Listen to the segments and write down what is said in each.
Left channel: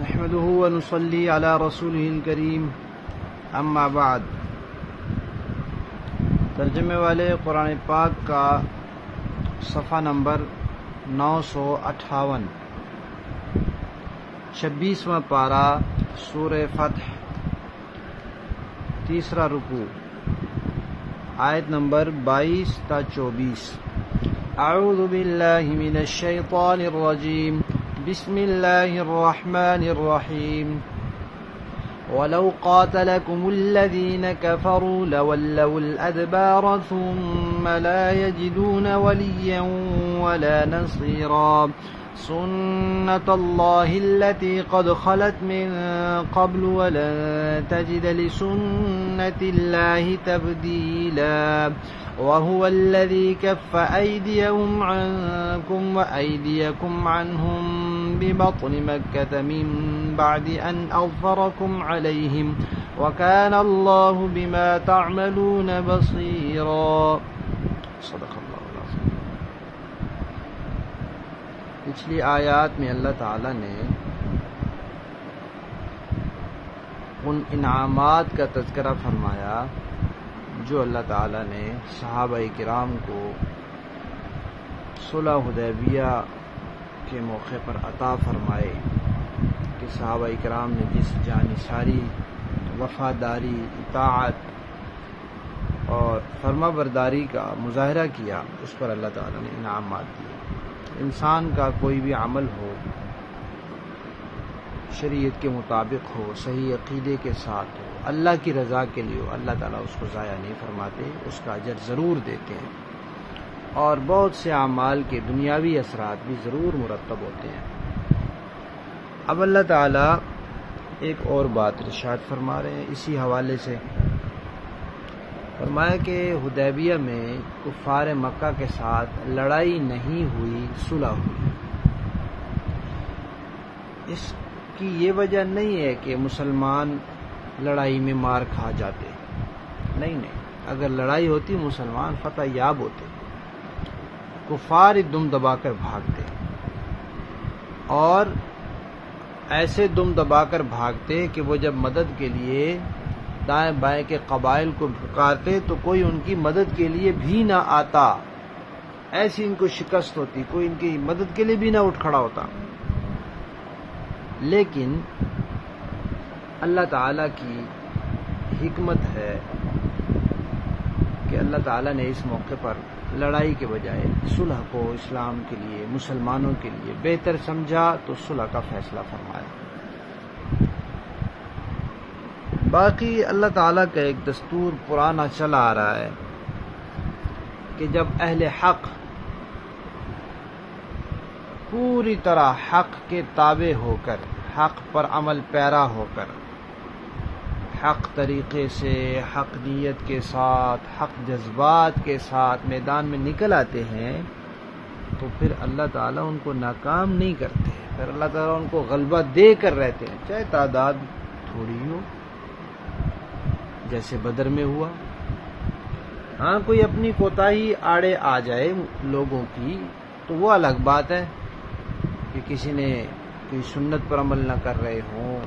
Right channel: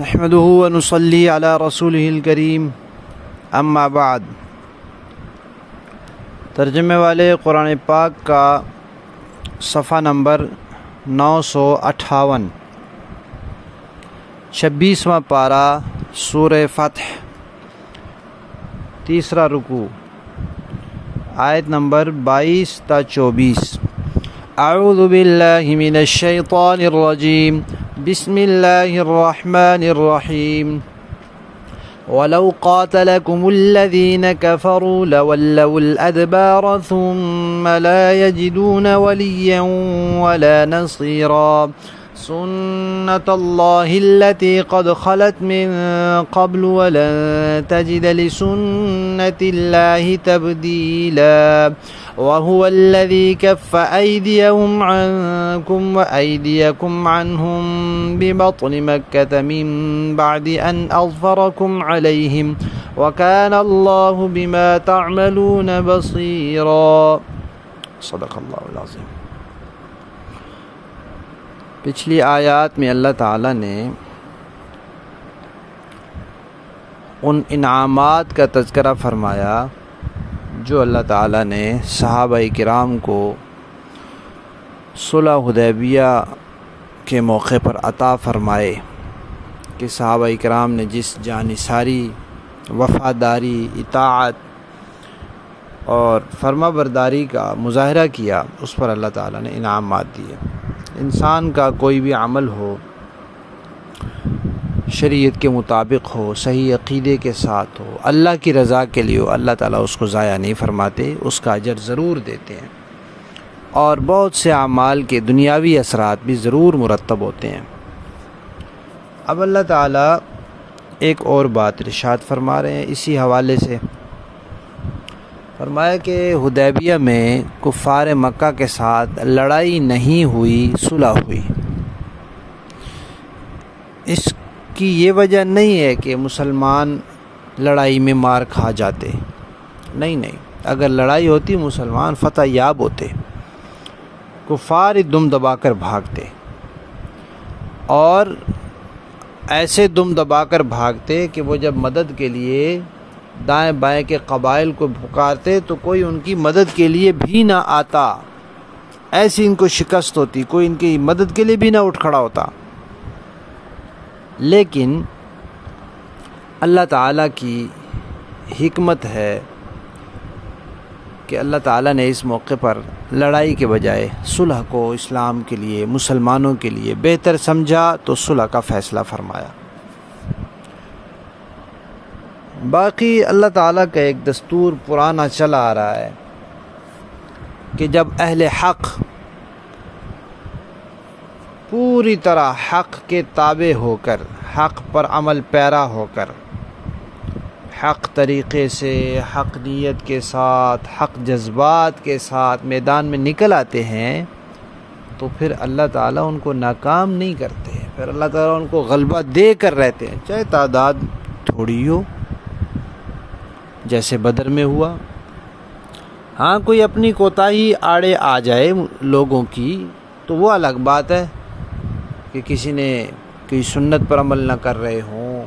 نحمده ونصلي على رسوله الكريم اما بعد۔ ترجمے والے قرآن پاک کا صفحہ نمبر 958، 26واں پارہ سورہ فتح، تیسرا رکوع، آیت نمبر 22 تا 24۔ اعوذ باللہ من الشیطان الرجیم، بسم اللہ الرحمن الرحیم۔ وَلَوْ قَاتَلَكُمُ الَّذِينَ كَفَرُوا لَوَلَّوُا الْأَدْبَارَ ثُمَّ لَا يَجِدُونَ وَلِيًّا وَلَا نَصِيرًا سُنَّةَ اللَّهِ الَّتِي قَدْ خَلَتْ مِن قَبْلُ وَلَن تَجِدَ لِسُنَّةِ اللَّهِ تَبْدِيلًا وَهُوَ الَّذِي كَفَّ أَيْدِيَهُمْ عَنكُمْ وَأَيْدِيَكُمْ عَنْهُمْ بِبَطْنِ مَكَّةَ مِن بَعْدِ أَنْ أَظْفَرَكُمْ عَلَيْهِمْ وَكَانَ اللَّهُ بِمَا تَعْمَلُونَ بَصِيرًا۔ صدق اللہ العظیم۔ پچھلی آیات میں اللہ تعالیٰ نے ان انعامات کا تذکرہ فرمایا جو اللہ تعالیٰ نے صحابہ کرام کو صلح حدیبیہ کے موقع پر عطا فرمائے، کہ صحابہ کرام نے جس جانثاری، وفاداری، اطاعت اور فرما برداری کا مظاہرہ کیا، اس پر اللہ تعالیٰ نے انعامات دیے۔ انسان کا کوئی بھی عمل ہو، شریعت کے مطابق ہو، صحیح عقیدے کے ساتھ ہو، اللہ کی رضا کے لیے ہو، اللہ تعالیٰ اس کو ضائع نہیں فرماتے، اس کا اجر ضرور دیتے ہیں، اور بہت سے اعمال کے دنیاوی اثرات بھی ضرور مرتب ہوتے ہیں۔ اب اللہ تعالیٰ ایک اور بات ارشاد فرما رہے ہیں اسی حوالے سے۔ فرمایا کہ حدیبیہ میں کفار مکہ کے ساتھ لڑائی نہیں ہوئی، صلح ہوئی۔ اس کی یہ وجہ نہیں ہے کہ مسلمان لڑائی میں مار کھا جاتے، نہیں، اگر لڑائی ہوتی مسلمان فتح یاب ہوتے، کفار دم دبا کر بھاگتے، اور ایسے دم دبا کر بھاگتے کہ وہ جب مدد کے لیے دائیں بائیں کے قبائل کو پکارتے تو کوئی ان کی مدد کے لیے بھی نہ آتا، ایسی ان کو شکست ہوتی، کوئی ان کی مدد کے لیے بھی نہ اٹھ کھڑا ہوتا۔ لیکن اللہ تعالیٰ کی حکمت ہے کہ اللہ تعالیٰ نے اس موقع پر لڑائی کے بجائے صلح کو اسلام کے لیے، مسلمانوں کے لیے بہتر سمجھا، تو صلح کا فیصلہ فرمایا۔ باقی اللہ تعالیٰ کا ایک دستور پرانا چلا آ رہا ہے کہ جب اہل حق پوری طرح حق کے تابع ہو کر، حق پر عمل پیرا ہو کر، حق طریقے سے، حق نیت کے ساتھ، حق جذبات کے ساتھ میدان میں نکل آتے ہیں، تو پھر اللہ تعالیٰ ان کو ناکام نہیں کرتے، پھر اللہ تعالیٰ ان کو غلبہ دے کر رہتے ہیں، چاہے تعداد تھوڑی ہو، جیسے بدر میں ہوا۔ ہاں کوئی اپنی کوتاہی آڑے آ جائے لوگوں کی تو وہ الگ بات ہے، کہ کسی نے کوئی سنت پر عمل نہ کر رہے ہوں،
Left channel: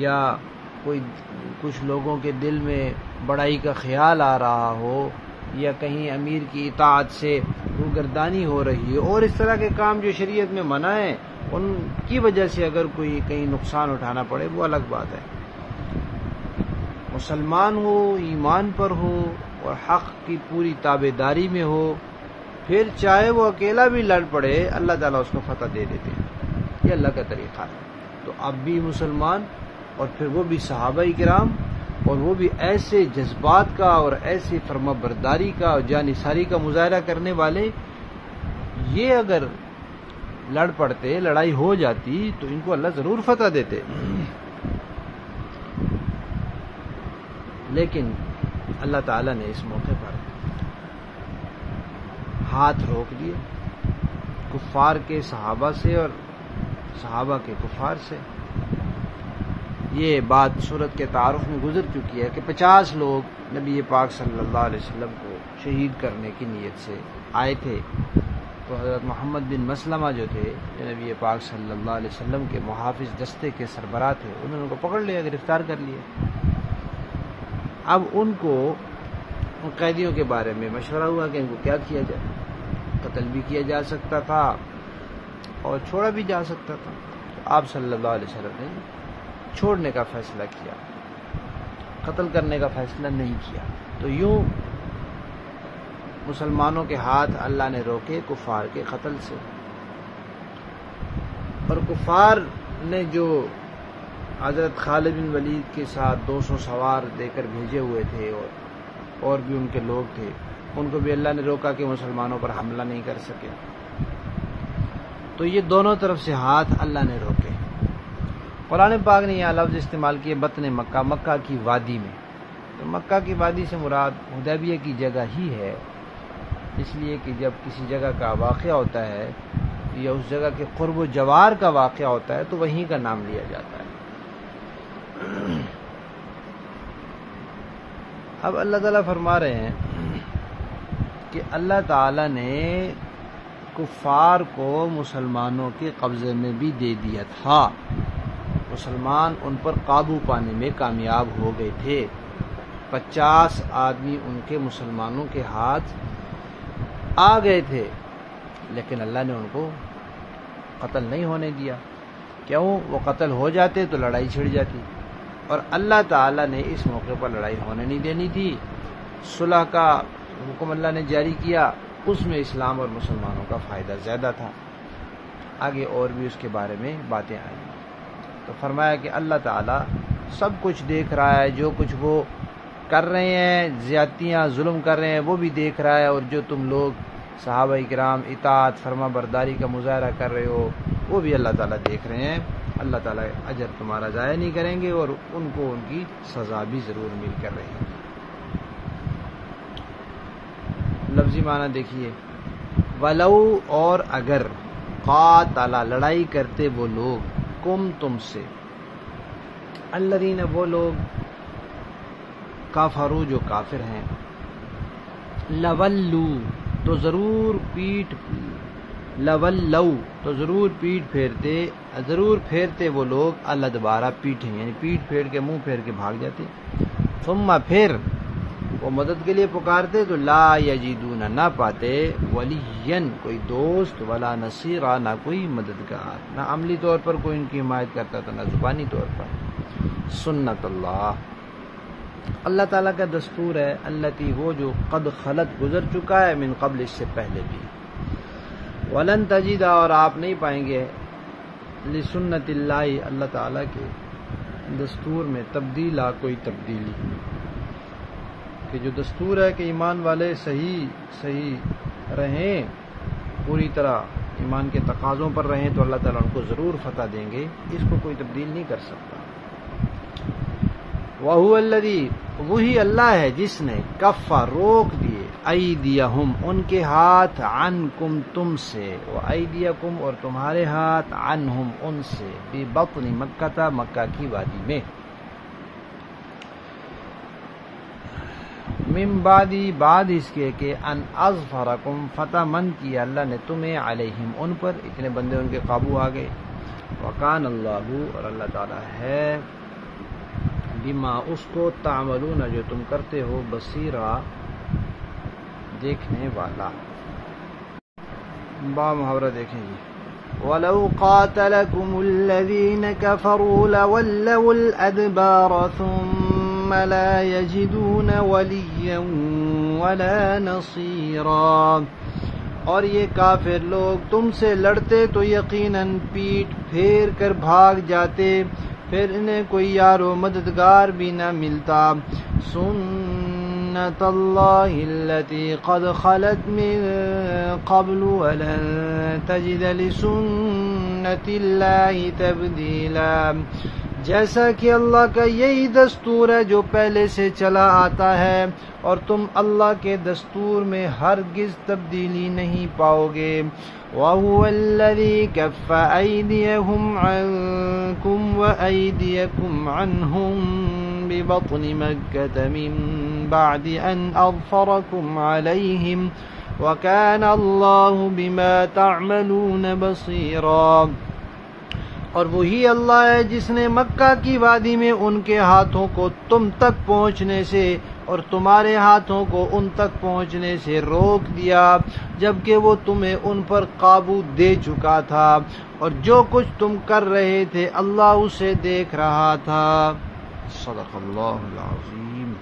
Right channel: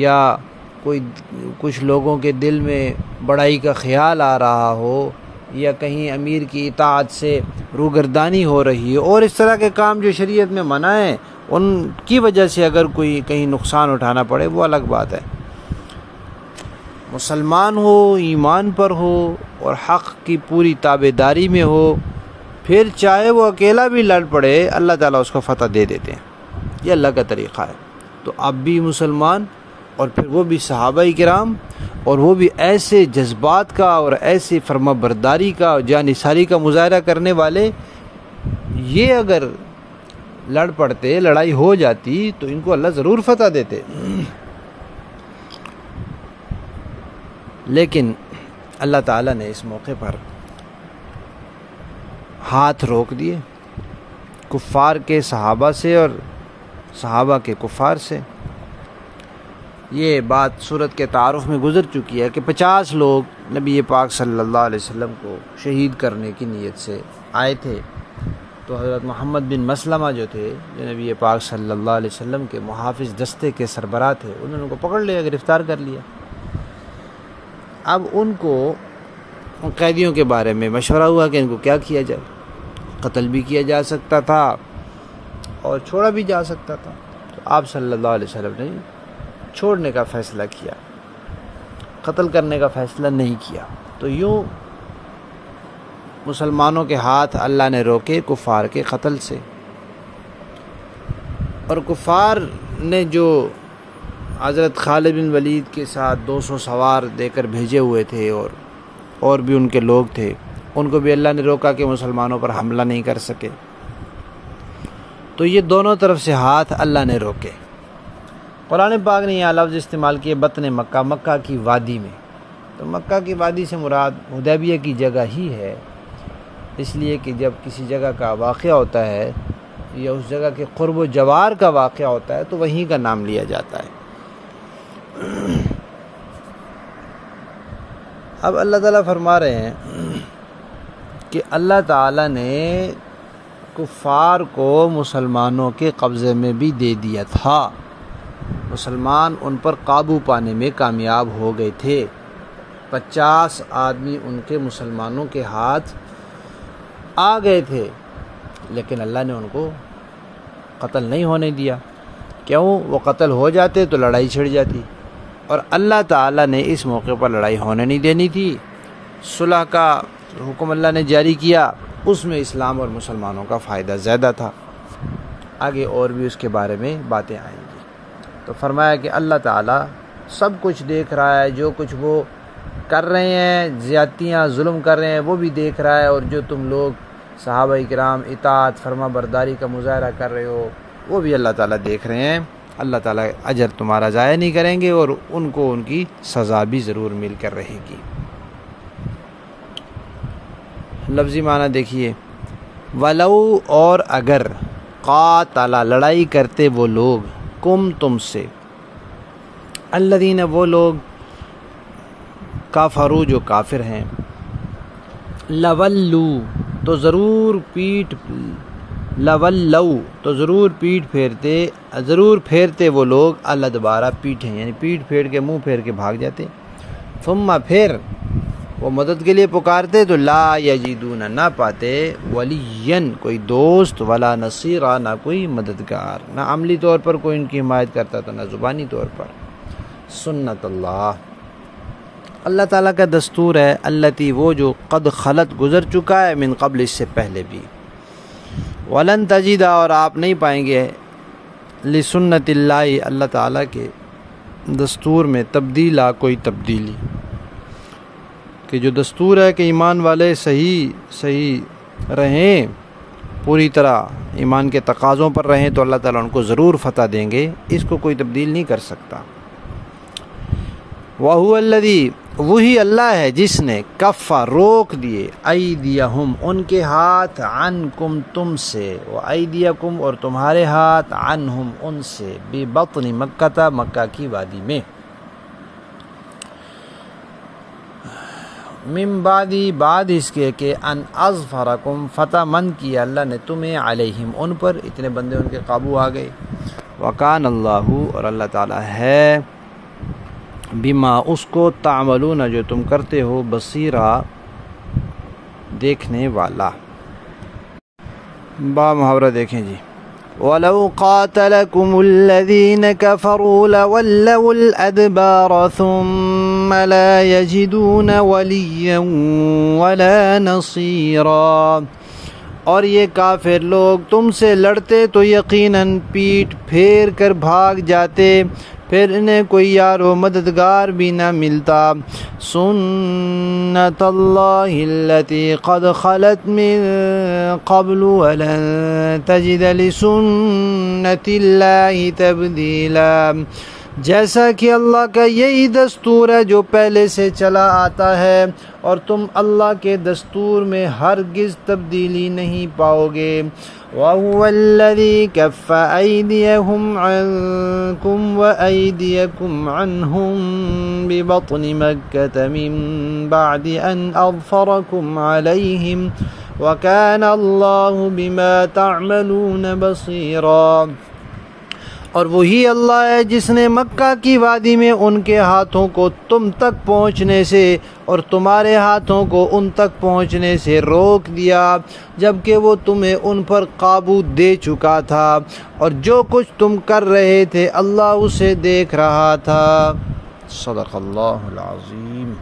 یا کچھ لوگوں کے دل میں بڑائی کا خیال آ رہا ہو، یا کہیں امیر کی اطاعت سے روگردانی ہو رہی ہے، اور اس طرح کے کام جو شریعت میں منع ہیں، ان کی وجہ سے اگر کوئی کہیں نقصان اٹھانا پڑے، وہ الگ بات ہے۔ مسلمان ہو، ایمان پر ہو، اور حق کی پوری تابع داری میں ہو، پھر چاہے وہ اکیلا بھی لڑ پڑے، اللہ تعالیٰ اس کو فتح دے دیتے ہیں۔ یہ اللہ کا طریقہ ہے۔ تو اب بھی مسلمان، اور پھر وہ بھی صحابہ کرام، اور وہ بھی ایسے جذبات کا اور ایسے فرما برداری کا اور جانثاری کا مظاہرہ کرنے والے، یہ اگر لڑ پڑتے، لڑائی ہو جاتی، تو ان کو اللہ ضرور فتح دیتے۔ لیکن اللہ تعالیٰ نے اس موقع پر ہاتھ روک دیے کفار کے صحابہ سے اور صحابہ کے کفار سے۔ یہ بات سورت کے تعارف میں گزر چکی ہے کہ 50 لوگ نبی پاک صلی اللہ علیہ وسلم کو شہید کرنے کی نیت سے آئے تھے، تو حضرت محمد بن مسلمہ جو تھے، جو نبی پاک صلی اللہ علیہ وسلم کے محافظ دستے کے سربراہ تھے، انہوں نے ان کو پکڑ لیا، گرفتار کر لیا۔ اب ان کو قیدیوں کے بارے میں مشورہ ہوا کہ ان کو کیا کیا جائے۔ قتل بھی کیا جا سکتا تھا اور چھوڑا بھی جا سکتا تھا، تو آپ صلی اللہ علیہ وسلم نے چھوڑنے کا فیصلہ کیا، قتل کرنے کا فیصلہ نہیں کیا۔ تو یوں مسلمانوں کے ہاتھ اللہ نے روکے کفار کے قتل سے، اور کفار نے جو حضرت خالد بن ولید کے ساتھ 200 سوار دے کر بھیجے ہوئے تھے اور بھی ان کے لوگ تھے، ان کو بھی اللہ نے روکا کہ مسلمانوں پر حملہ نہیں کر سکے۔ تو یہ دونوں طرف سے ہاتھ اللہ نے روکے۔ قرآن پاک نے یہاں لفظ استعمال کیے بطن مکہ، مکہ کی وادی میں۔ تو مکہ کی وادی سے مراد حدیبیہ کی جگہ ہی ہے، اس لیے کہ جب کسی جگہ کا واقعہ ہوتا ہے یا اس جگہ کے قرب و جوار کا واقعہ ہوتا ہے تو وہیں کا نام لیا جاتا ہے۔ اب اللہ تعالیٰ فرما رہے ہیں کہ اللہ تعالیٰ نے کفار کو مسلمانوں کے قبضے میں بھی دے دیا تھا، مسلمان ان پر قابو پانے میں کامیاب ہو گئے تھے۔ 50 آدمی ان کے مسلمانوں کے ہاتھ آ گئے تھے، لیکن اللہ نے ان کو قتل نہیں ہونے دیا۔ کیوں؟ وہ قتل ہو جاتے تو لڑائی چھڑ جاتی، اور اللہ تعالیٰ نے اس موقع پر لڑائی ہونے نہیں دینی تھی۔ صلح کا حکم اللہ نے جاری کیا، اس میں اسلام اور مسلمانوں کا فائدہ زیادہ تھا۔ آگے اور بھی اس کے بارے میں باتیں آئیں گی۔ تو فرمایا کہ اللہ تعالیٰ سب کچھ دیکھ رہا ہے، جو کچھ وہ کر رہے ہیں، زیادتیاں ظلم کر رہے ہیں، وہ بھی دیکھ رہا ہے، اور جو تم لوگ صحابہ کرام اطاعت فرما برداری کا مظاہرہ کر رہے ہو وہ بھی اللہ تعالیٰ دیکھ رہے ہیں۔ اللہ تعالیٰ اجر تمہارا ضائع نہیں کریں گے، اور ان کو ان کی سزا بھی ضرور مل کر رہے گی۔ لفظی معنی دیکھیے، ولو اور اگر، قاتل لڑائی کرتے وہ لوگ، کم تم سے، الذین وہ لوگ، کافرو جو کافر ہیں، لولو تو ضرور پیٹھ پھیرتے وہ لوگ، الادبارہ پیٹھیں، یعنی پیٹھ پھیر کے منہ پھیر کے بھاگ جاتے، ثم پھر وہ مدد کے لیے پکارتے تو لا یجدون نہ پاتے، ولین کوئی دوست، ولا نصیرا نہ کوئی مددگار، نہ عملی طور پر کوئی ان کی حمایت کرتا تھا، نہ زبانی طور پر۔ سنت اللہ، اللہ تعالیٰ کا دستور ہے، التی وہ جو قد خلت گزر چکا ہے، من قبل اس سے پہلے بھی، ولن تجد اور آپ نہیں پائیں گے، لسنت اللہ اللہ تعالیٰ کے دستور میں تبدیلا کوئی تبدیلی، کہ جو دستور ہے کہ ایمان والے صحیح رہیں، پوری طرح ایمان کے تقاضوں پر رہیں، تو اللہ تعالیٰ ان کو ضرور فتح دیں گے، اس کو کوئی تبدیل نہیں کر سکتا۔ وَهُوَ الَّذِي وہی اللہ ہے جس نے کفا روک دیے، ایدیہم ان کے ہاتھ، عنکم تم سے، وایدیکم اور تمہارے ہاتھ، عنہم ان سے، ببطن مکہ مکہ کی وادی میں، من بعد اس کے کہ ان اظفرکم فتح مند کیا اللہ نے تمہیں، علیہم ان پر، اتنے بندے ان کے قابو آ گئے، وکان اللہ اور اللہ تعالیٰ ہے، بما اس کو، تعملون جو تم کرتے ہو، بصیرا دیکھنے والا۔ با محاورہ دیکھیں جی، وَلَوْ قَاتَلَكُمُ الَّذِينَ كَفَرُوا لَوَلَّوُا الْأَدْبَارَ ثُمَّ لَا يَجِدُونَ وَلِيًّا وَلَا نَصِيرًا، اور یہ کافر لوگ تم سے لڑتے تو یقیناً پیٹھ پھیر کر بھاگ جاتے، پھر انہیں کوئی یار و مددگار بھی نہ ملتا۔ سنت اللہ التی قد خلت من قبل ولن تجد لسنت اللہ تبدیلا، جیسا کہ اللہ کا یہی دستور ہے جو پہلے سے چلا آتا ہے، اور تم اللہ کے دستور میں ہرگز تبدیلی نہیں پاؤ گے۔ وَهُوَ الَّذِي كَفَّ أَيْدِيَهُمْ عَنْكُمْ وَأَيْدِيَكُمْ عَنْهُمْ بِبَطْنِ مَكَّةَ مِنْ بَعْدِ أَنْ أَظْفَرَكُمْ عَلَيْهِمْ وَكَانَ اللَّهُ بِمَا تَعْمَلُونَ بَصِيرًا۔ اور وہی اللہ ہے جس نے مکہ کی وادی میں ان کے ہاتھوں کو تم تک پہنچنے سے اور تمہارے ہاتھوں کو ان تک پہنچنے سے روک دیا، جبکہ وہ تمہیں ان پر قابو دے چکا تھا، اور جو کچھ تم کر رہے تھے اللہ اسے دیکھ رہا تھا۔ صدق اللہ العظیم۔